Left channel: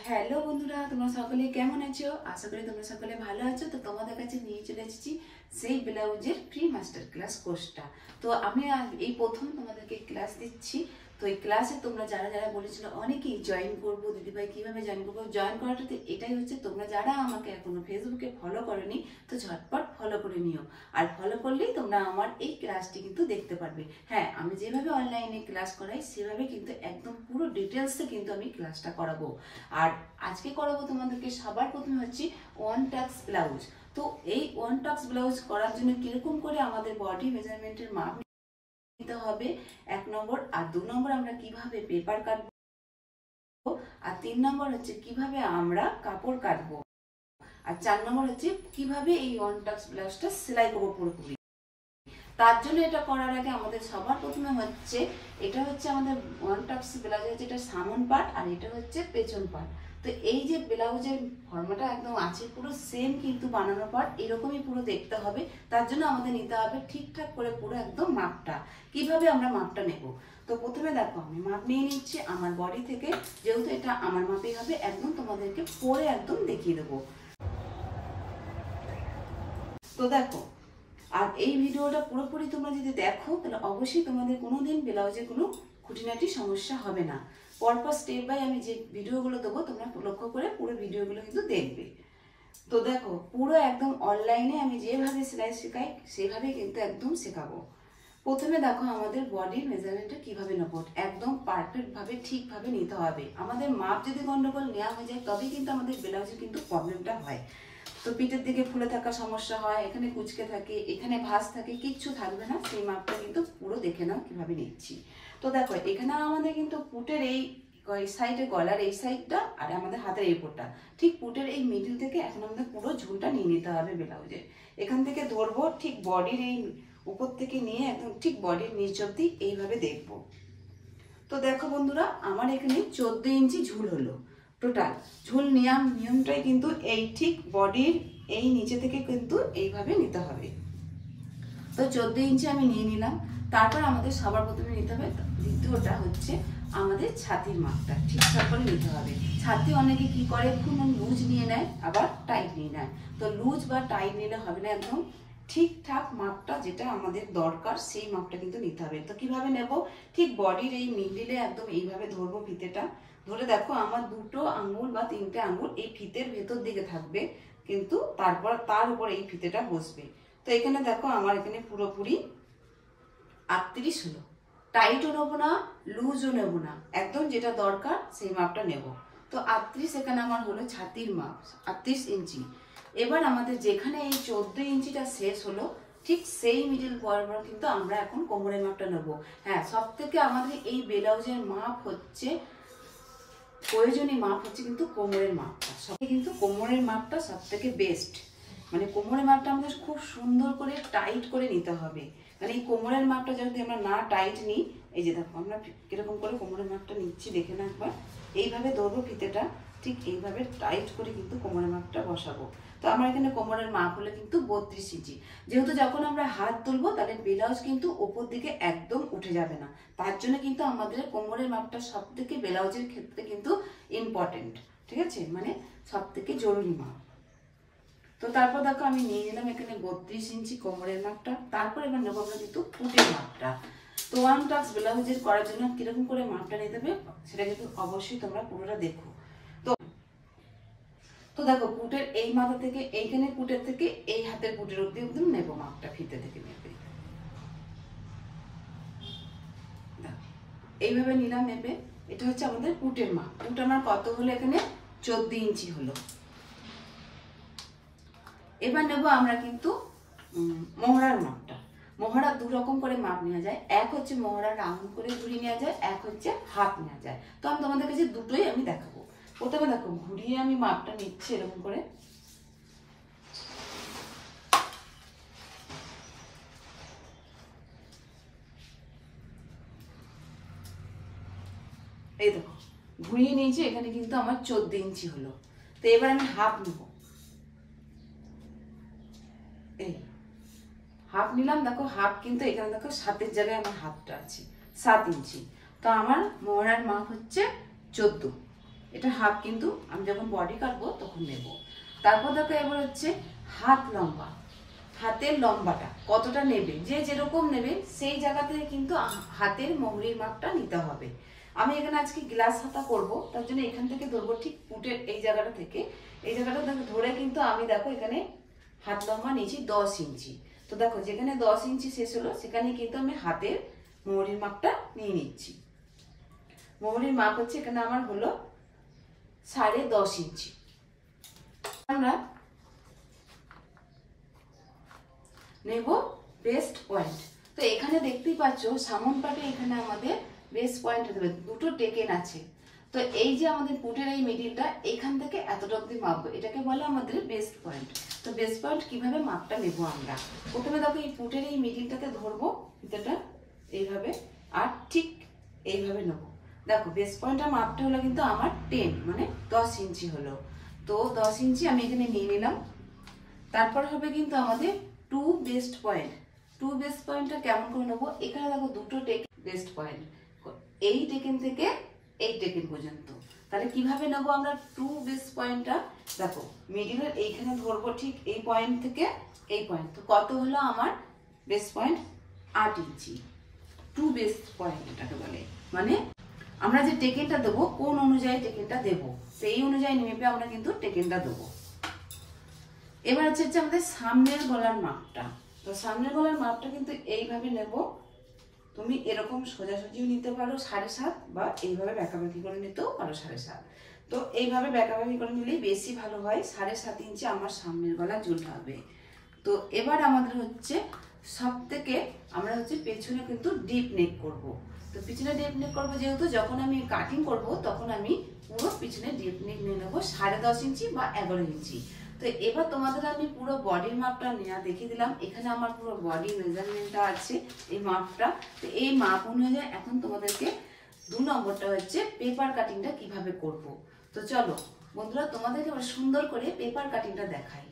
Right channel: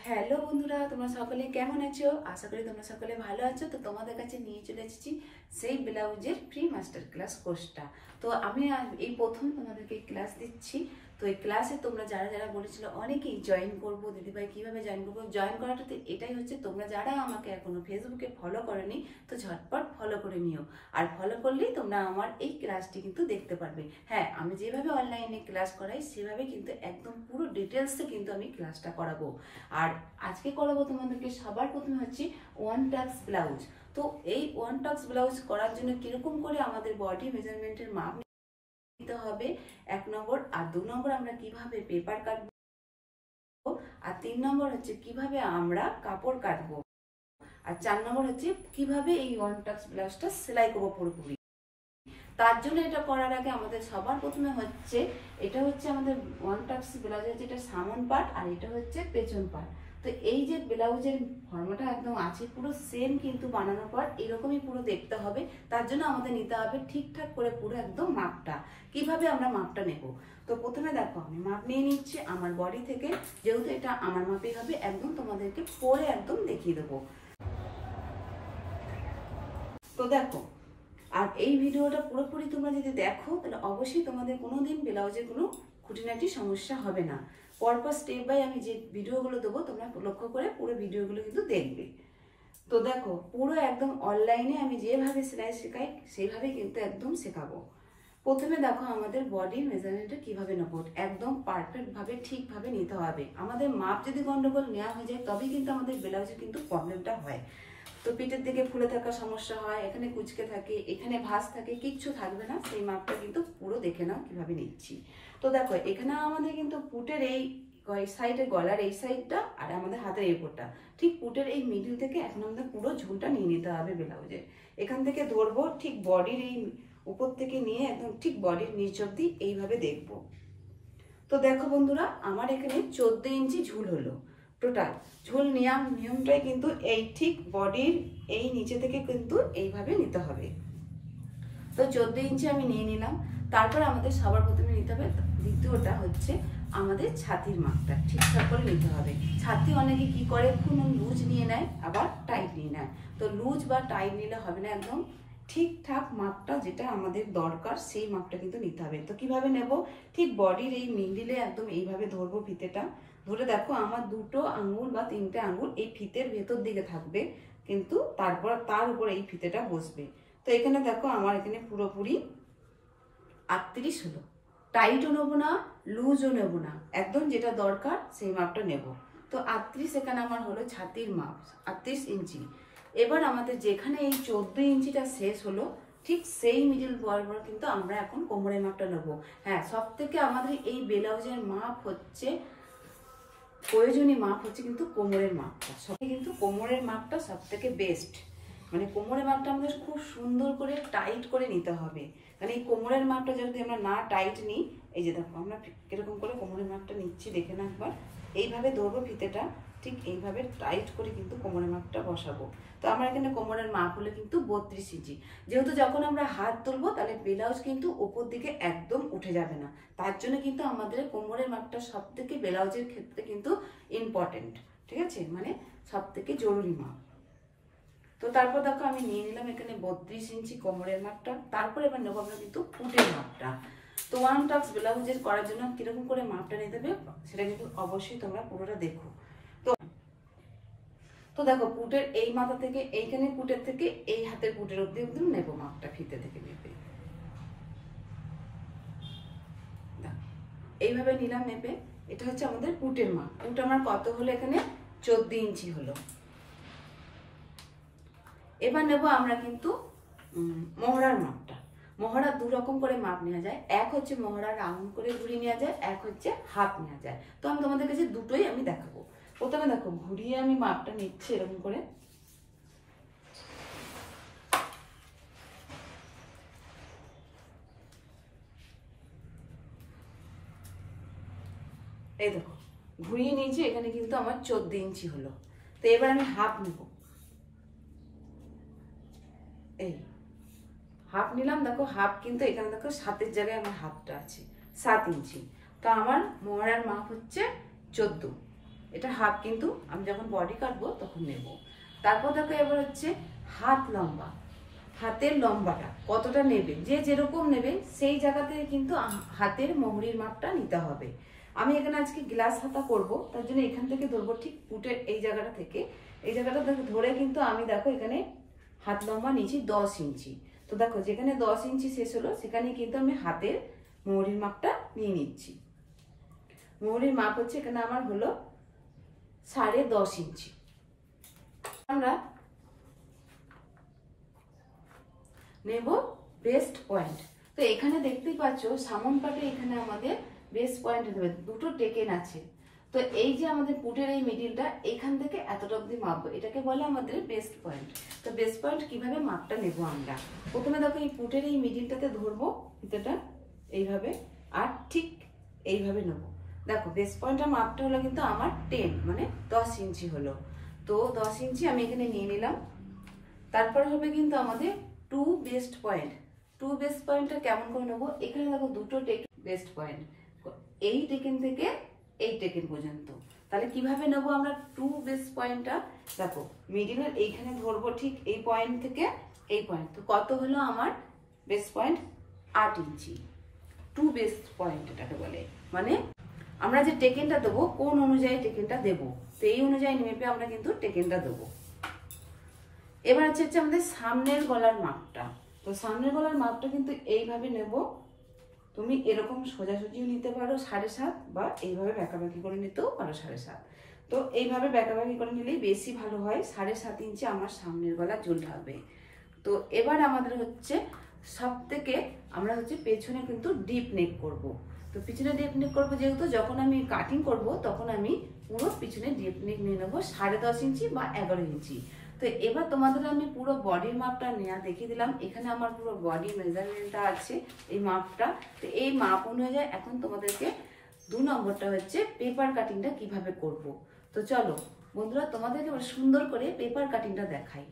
Hello বন্ধুরা, তোমরা সকলে কেমন আছো? আশা করি তোমরা সকলে ভালো আছো। তো তোমাদের কাছে নিয়ে চলে এসেছি সেই ব্লাউজের প্রি মাস্টার ক্লাস কোর্সটা। তো আমি এই প্রথম তোমাদেরকে ক্লাস দিচ্ছি। তো এই ক্লাসে তোমরা যারা যারা বলেছিল অনেকেই জয়েন করবো দিদিভাই, কিভাবে জয়েন করবো, জয়েন করাটাতে এটাই হচ্ছে, তোমরা যারা আমাকে এখনো ফেসবুকে ফলো করোনি তো ঝটপট ফলো করে নিও। আর ফলো করলেই তোমরা আমার এই ক্লাসটি কিন্তু দেখতে পারবে। হ্যাঁ, আমি যেভাবে অনলাইনে ক্লাস করাই সেভাবে কিন্তু একদম পুরো ডিটেলসে কিন্তু আমি ক্লাসটা করাবো। আর আজকে করাবো তোমাদেরকে সবার প্রথমে হচ্ছে ওয়ান টাক্স ব্লাউজ। তো এই ওয়ান টাক্স ব্লাউজ করার জন্য কিরকম করে আমাদের বডি মেজারমেন্টের মাপ নিতে হবে 1 নম্বর, আর 2 নম্বর আমরা কিভাবে পেপার কাটবো, আর 3 নম্বর হচ্ছে কিভাবে আমরা কাপড় কাটবো, আর 4 নম্বর হচ্ছে কিভাবে এই ওয়ান টাক্স ব্লাউজটা সেলাই করবো পুরোপুরি। তার জন্য এটা করার আগে আমাদের সবার প্রথমে হচ্ছে, এটা হচ্ছে আমাদের ওয়ান টাক্স ব্লাউজের যেটা সামন পার্ট, আর এটা হচ্ছে পেছন পার্ট। তো এই যে ব্লাউজের ফর্মাটা একদম আছে পুরো সেম কিন্তু বানানোর পর এরকমই পুরো দেখতে হবে। তার জন্য আমাদের নিতে হবে ঠিকঠাক করে পুরো একদম মাপটা। কিভাবে আমরা মাপটা নেব? তো প্রথমে দেখো আমি মাপ নিয়ে নিচ্ছি আমার বডি থেকে, যেহেতু এটা আমার মাপেই হবে, একদম তোমাদেরকে পরে একদম দেখিয়ে দেবো। তো দেখো, আর এই ভিডিওটা পুরোপুরি তোমরা যদি দেখো তাহলে অবশ্যই তোমাদের কোনোদিন ব্লাউজে কোনো খুঁটিনাটি সমস্যা হবে না। পরপর স্টেপ বাই আমি যে ভিডিওগুলো দেবো তোমরা লক্ষ্য করে পুরো ভিডিওগুলো কিন্তু দেখবে। তো দেখো, পুরো একদম অনলাইনে আমি যেভাবে সেলাই শেখাই সেভাবেই কিন্তু একদম শেখাবো। প্রথমে দেখো আমাদের বডির মেজারমেন্টটা কিভাবে নেবো, একদম পারফেক্ট ভাবে ঠিকভাবে নিতে হবে। আমাদের মাপ যদি গন্ডগোল নেওয়া হয়ে যায় তবেই কিন্তু আমাদের ব্লাউজে কিন্তু প্রবলেমটা হয়। তো পিঠের দিকে ফুলে থাকার সমস্যা হয়, এখানে কুচকে থাকে, এখানে ভাঁজ থাকে, কিচ্ছু থাকবে না। সেই মাপটা কিন্তু পুরো দেখে নাও কিভাবে নিচ্ছি। তো দেখো এখানে আমাদের কিন্তু পুটের এই সাইডে, গলার এই সাইডটা আর আমাদের হাতের এই উপরটা, ঠিক পুটের এই মিডিল থেকে এখন আমাদের পুরো ঝুলটা নিয়ে নিতে হবে ব্লাউজে। এখান থেকে ধরবো ঠিক বডির এই উপর থেকে নিয়ে একদম ঠিক বডির নিচ অব্দি এইভাবে দেখবো। তো দেখো বন্ধুরা, আমার এখানে 14 ইঞ্চি ঝুল হলো টোটাল। ঝুল নিয়মটাই কিন্তু এই ঠিক বডির এই নিচে থেকে কিন্তু এইভাবে নিতে হবে। তো 14 ইঞ্চি আমি নিয়ে নিলাম। তারপর আমাদের সবার প্রথমে নিতে হবে, দ্বিতীয়টা হচ্ছে আমাদের ছাতির মাপটা ঠিকঠাক করে নিতে হবে। ছাতি অনেকে কি করে, খুব লুজ নিয়ে নেয় আবার টাইট নিয়ে নেয়। তো লুজ বা টাইট নিলে হবে না, একদম ঠিকঠাক মাপটা যেটা আমাদের দরকার সেই মাপটা কিন্তু নিতে হবে। তো কিভাবে নেব, ঠিক বডির এই মিডিলে একদম এইভাবে ধরবো ফিতেটা। ধরে দেখো আমার 2টো আঙুল বা 3টে আঙুল এই ফিতের ভেতর দিকে থাকবে, কিন্তু তারপর তার উপর এই ফিতেটা বসবে। তো এখানে দেখো আমার এখানে পুরোপুরি 38 হলো। টাইটও নেবো না, লুজও নেবো না, একদম যেটা দরকার সেই মাপটা নেব। তো 38 এখানে আমার হলো ছাতির মাপ, 38 ইঞ্চি। এবার আমাদের যেখানে এই 14 ইঞ্চিটা শেষ হলো ঠিক সেই মিডিল বরাবর কিন্তু আমরা এখন কোমরের মাপটা নেব। হ্যাঁ, সব থেকে আমাদের এই ব্লাউজের মাপ হচ্ছে, প্রয়োজনীয় মাপ হচ্ছে কিন্তু কোমরের মাপটা। সব কিন্তু কোমরের মাপটা সব থেকে বেস্ট। মানে কোমরের মাপটা আমাদের খুব সুন্দর করে টাইট করে নিতে হবে। মানে এই কোমরের মাপটা যদি আমরা না টাইট নিই, এই যে দেখো আমরা কিরকম করে কোমরের মাপটা নিচ্ছি দেখে না একবার। এইভাবে ধরবো ফিতেটা, ঠিক এইভাবে টাইট করে কিন্তু কোমরের মাপটা বসাবো। তো আমার এখানে কোমরের মাপ হলো কিন্তু 32 ইঞ্চি। যেহেতু যখন আমরা হাত তুলবো তাহলে ব্লাউজ কিন্তু উপর দিকে একদম উঠে যাবে না, তার জন্য কিন্তু আমাদের কোমরের মাপটা সব থেকে ব্লাউজের ক্ষেত্রে কিন্তু ইম্পর্টেন্ট। ঠিক আছে, মানে সব থেকে জরুরি মাপ। তো তারপর দেখো আমি নিয়ে নিলাম এখানে 32 ইঞ্চি কোমরের মাপটা। তারপর এবার নেবো আমরা কিন্তু পুটের মাপটা। তো ওয়ান টাক্স ব্লাউজের করার জন্য কিরকম করে মাপটা নিতে হবে সেটা কিন্তু অবশ্যই তোমরা পুরোটা দেখো। তো দেখো পুটের এই মাথা থেকে এইখানে পুটের থেকে এই হাতের পুটের অব্দি একদম নেবো মাপটা, ফিতে থেকে মেপে এইভাবে নিলাম মেপে। এটা হচ্ছে আমাদের পুটের মাপ। পুট আমার কত হলো, এখানে 14 ইঞ্চি হলো। এবার নেবো আমরা কিন্তু মোহরার মাপটা। মোহরা 2 রকম করে মাপ নেওয়া যায়, এক হচ্ছে মোহরা রাউন্ড করে ঘুরিয়ে নেওয়া যায়, এক হচ্ছে হাফ নেওয়া যায়। তো আমি তোমাদের কাছে দুটোই আমি দেখাবো। প্রথমে দেখো ঘুরিয়ে আমি মাপটা নিচ্ছি এরকম করে। এই দেখো ঘুরিয়ে নিয়েছি, এখানে কিন্তু আমার 14 ইঞ্চি হলো। তো এবার আমি হাফ নেব, এই হাফ নিলাম। দেখো হাফ কিন্তু এখানে দেখো 7-এর জায়গায় আমার হাফটা আছে 7 ইঞ্চি। তো আমার মোহরার মাপ হচ্ছে 14। এটা হাফ, কিন্তু আমি যখন বডি কাটবো তখন নেব। তারপর দেখো এবার হচ্ছে হাত লম্বা, হাতের লম্বাটা কতটা নেবে, যে যেরকম নেবে সেই জায়গাতে কিন্তু হাতের মোহরির মাপটা নিতে হবে। আমি এখানে আজকে গ্লাস হাতা করব, তার জন্য এখান থেকে ধরবো ঠিক পুটের এই জায়গাটা থেকে, এই জায়গাটা ধরে কিন্তু আমি দেখো এখানে হাত লম্বা নিয়েছি 10 ইঞ্চি। তো দেখো যেখানে 10 ইঞ্চি শেষ হলো সেখানে কিন্তু আমি হাতের মোহরির মাপটা নিয়ে নিচ্ছি। মোহরির মাপ হচ্ছে এখানে আমার হলো 10.5 ইঞ্চি। আমরা নেব বেস্ট পয়েন্ট। তো এখানে দেখতেই পাচ্ছ সামন পাটে এখানে আমাদের বেস্ট পয়েন্ট দেবে, দুটো টেকেন আছে। তো এই যে আমাদের পুটের এই মিডিলটা এখান থেকে এতটা অব্দি মাপবো, এটাকে বলে আমাদের বেস্ট পয়েন্ট। তো বেস্ট পয়েন্ট কিভাবে মাপটা নেব আমরা, প্রথমে দেখো এই পুটের এই মিডিলটাতে ধরবো ফিতাটা এইভাবে, আর ঠিক এইভাবে নেবো। দেখো বেস্ট পয়েন্টের মাপটা হলো কিন্তু আমার 10 মানে 10 ইঞ্চি হলো। তো 10 ইঞ্চি আমি এখানে নিয়ে নিলাম। তারপর হবে কিন্তু আমাদের two best point. Two best পয়েন্টটা কেমন করে নেবো, এখানে দেখো দুটো টেকেন বেস্ট পয়েন্ট, এই টেকেন থেকে এই টেকেন পর্যন্ত। তাহলে কিভাবে নেবো আমরা টু বেস্ট পয়েন্টটা, দেখো মিডিলের এইখানে ধরবো ঠিক এই পয়েন্ট থেকে এই পয়েন্ট। তো কত হলো আমার বেস্ট পয়েন্ট 8 ইঞ্চি। টু বেস্ট পয়েন্ট এটাকে বলে, মানে আমরা যে টেকেনটা দেবো কোন অনুযায়ী টেকেনটা দেবো, তো এই অনুযায়ী মেপে আমরা কিন্তু টেকেনটা দেবো। এবার হচ্ছে আমাদের সামনের গলার মাপটা। তো সামনের গলার মাপটা কিন্তু এইভাবে নেব, তুমি এরকম সোজাসুজিও নিতে পারো 7.5, বা এইভাবে বেঁকাবাঁকি করে নিতেও পারো 7.5। তো এইভাবে বেঁকাবাঁকি করে নিলেই বেশি ভালো হয়। 7.5 ইঞ্চি আমার সামনের গলা জুল হবে। তো এবার আমাদের হচ্ছে সব থেকে আমরা হচ্ছে পেছনে কিন্তু ডিপ নেক করব। তো পিছনে ডিপ নেক করবো যেহেতু, যখন আমি কাটিং করব তখন আমি পুরো পিছনে ডিপ নেক নিয়ে নেবো 10.5 ইঞ্চি বা 11 ইঞ্চি। তো এবার তোমাদের আমি পুরো বডির মাপটা নেওয়া দেখিয়ে দিলাম। এখানে আমার পুরো বডি মেজারমেন্টটা আছে, এই মাপটা। তো এই মাপ অনুযায়ী এখন তোমাদেরকে 2 নম্বরটা হচ্ছে পেপার কাটিংটা কিভাবে করব। তো চলো বন্ধুরা তোমাদেরকে সুন্দর করে পেপার কাটিংটা দেখাই।